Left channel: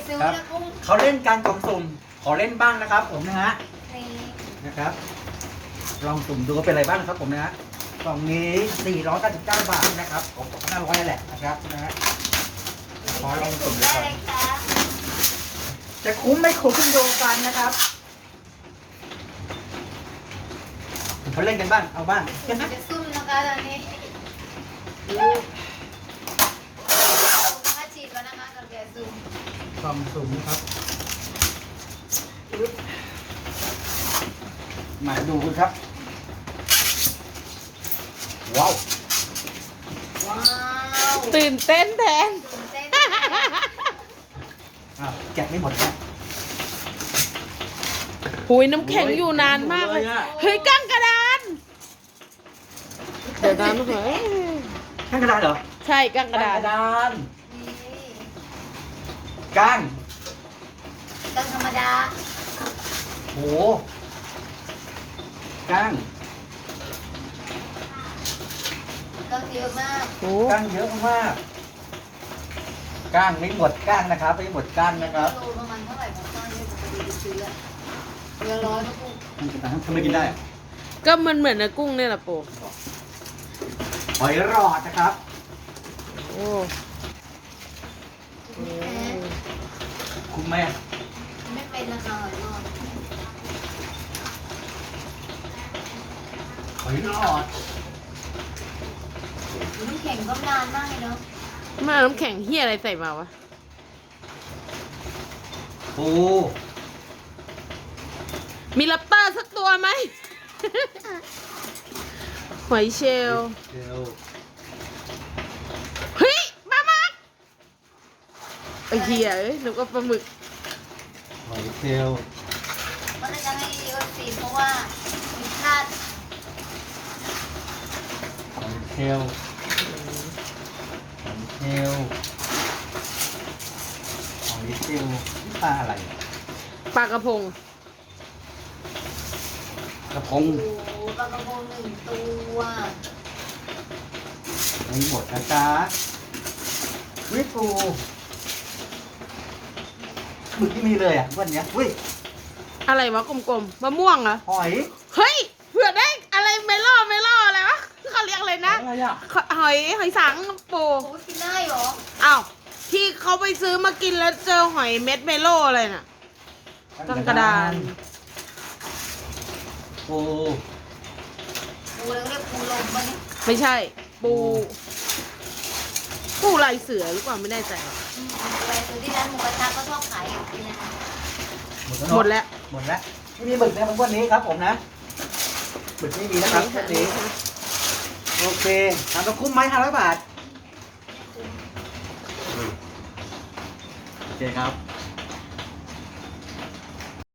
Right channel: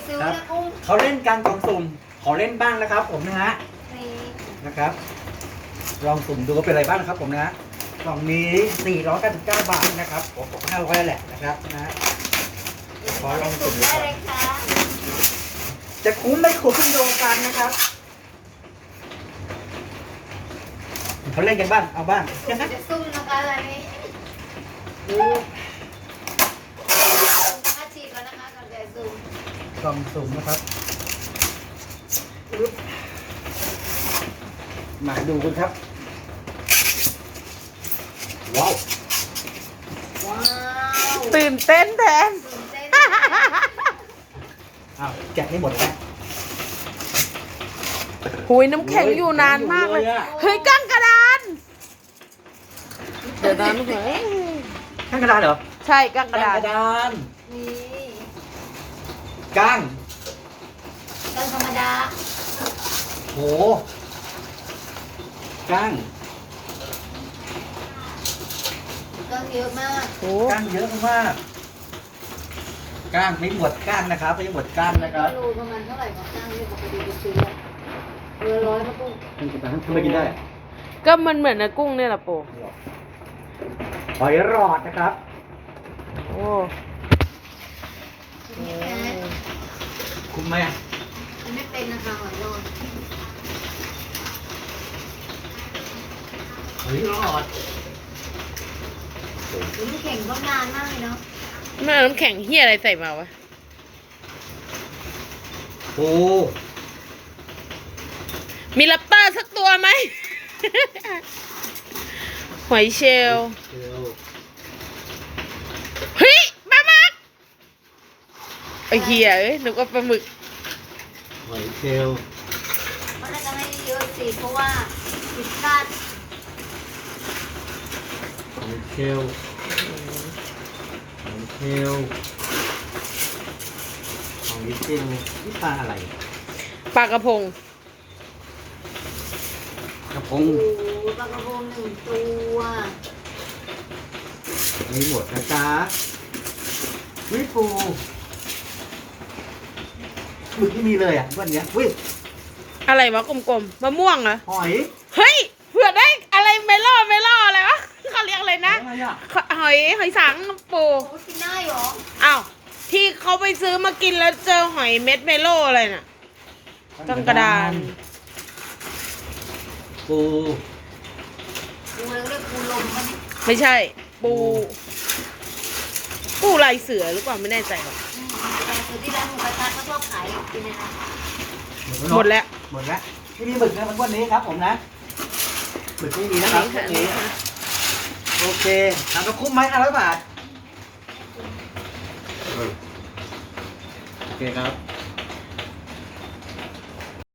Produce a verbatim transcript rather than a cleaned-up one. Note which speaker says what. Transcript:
Speaker 1: ซื้อ
Speaker 2: ครับ
Speaker 1: นะกุ้ง
Speaker 2: เขาเล่นการกล่องสุ่มขอเล่นบ้างนะครับ ผมนะฮะ
Speaker 1: นี่
Speaker 2: นะครับ ลองสุ่มดูว่าเป็นอะไรบ้างนะครับผมนะฮะกล่องนี้สี่ร้อยเก้าสิบเก้าบาทนะครับผมห้าร้อยแหละนะครับนะฮะ ขอลองสุ่มดู
Speaker 1: ได้
Speaker 2: ก่อน
Speaker 1: เลยค่ะ
Speaker 2: จะคุ้มไม่คุ้มขึ้นดูกันนะครับเขาเล่นกันบ้างเอาบ้าง
Speaker 1: จะซุ่มนะคะอันนี้ถ้าฉีดแล้วนะคะก่อนจะซุ่ม
Speaker 2: กล่องสุ่มนะครับปึ๊บมาดูกันครับ ว้าว
Speaker 1: ว้าว
Speaker 3: ตื่นเต้นแทน
Speaker 1: ตื่นเต้น
Speaker 2: อ้าวแกะไม่หมดแล้ว
Speaker 3: หุยน้ำแข็งอยู่นานมากเลย
Speaker 2: โอ้ย
Speaker 3: เฮ้ยกั้งกระดาน เดี๋ยวนะเฮ้ย
Speaker 2: ข้างกระดานเหรอ
Speaker 3: ใช่กั้งกระ
Speaker 2: ก้าง
Speaker 3: ดาน
Speaker 2: กระดาน
Speaker 1: นี่
Speaker 2: ก้าง
Speaker 1: กังธรรมดา
Speaker 2: โหก้าง
Speaker 1: กังเยอะมาก
Speaker 3: โอ้
Speaker 2: ก้างเยอะมากก้างไม่หมดก้างนะครับไม่หมดก้างนะครับ
Speaker 1: โลประมาณเท่าไหร่คะตั้งที่ปกติไปซื้ออะเรือร้อยนะกุ้ง
Speaker 2: มันกินทำไมกินได้อะ
Speaker 3: ก็มันเหมือนนะกุ้งเนี่ยแหละโป
Speaker 2: หอยหลอดนะครับ
Speaker 3: โอ้
Speaker 1: นี่แอน
Speaker 2: คุ้มไหม
Speaker 1: ไม่เป็นนะคะหอยนอน
Speaker 2: หอยหลอด
Speaker 1: น้ำแข็งก็นานมากเลยเนาะ
Speaker 3: ไม่เอาน้ำแข็งเฮียอะไรใส่มาวะ
Speaker 2: โอ้
Speaker 3: มีแรปเตอร์สักตัวไหม หอยเชลล
Speaker 2: เชียว
Speaker 3: เฮ้ยปลาหมึกไอ้เฮียเอ้ยนึกว่าปลาหมึก
Speaker 2: หอยเชียว
Speaker 1: ก็เลยจะให้เยอะสิเพราะว่าพิซซ่า
Speaker 2: หอยเชียวหอยเชียวหอยเชียวนี่ปลาอะไร
Speaker 3: ปลากระพง
Speaker 2: กระพ
Speaker 1: โอ้
Speaker 2: ง
Speaker 1: โหปลากระพงหนึ่งตัว
Speaker 2: ไม่หมดนะจ๊ะนี่ปูหมึกที่มีเลยอ่ะวันเนี้ยอุ้ย
Speaker 3: อะไรวะกลมๆมะม่วงเหรอ
Speaker 2: หอย
Speaker 3: เฮ้ยเผื่อได้อะไรเมล่อเมล่ออะไรวะเขาเรียกอะไรนะ
Speaker 2: อะไรอ่ะ
Speaker 3: หอยหอยสังปู
Speaker 1: โอ้กินได้เหรอ
Speaker 3: อ้าวที่เขาไปซื้อมากินแล้วเจอหอยเม็ดเมโลอะไรน่ะกังกระดาน
Speaker 2: ปู
Speaker 1: ปูเราเรียกปูลมปะเนี่ย
Speaker 3: ไม่ใช่ ปูปูลายเสือหรือเปล่าไม่แน่ใจหรอก
Speaker 1: แต่คือที่ร้านหมูกระทะก็ชอบขายอยู่ที่เนยนะ
Speaker 3: หมดแล้ว
Speaker 2: หมดแล้วไม่มีหมึกนะมันวันนี้ครับผมนะหมึกไม่มีนะครับ
Speaker 3: อั
Speaker 2: วัน
Speaker 3: นี้
Speaker 2: นี้
Speaker 3: ค่ะ
Speaker 2: โอเคถามว่าคุ้มไหมห้าร้อยบาทโอเคครับ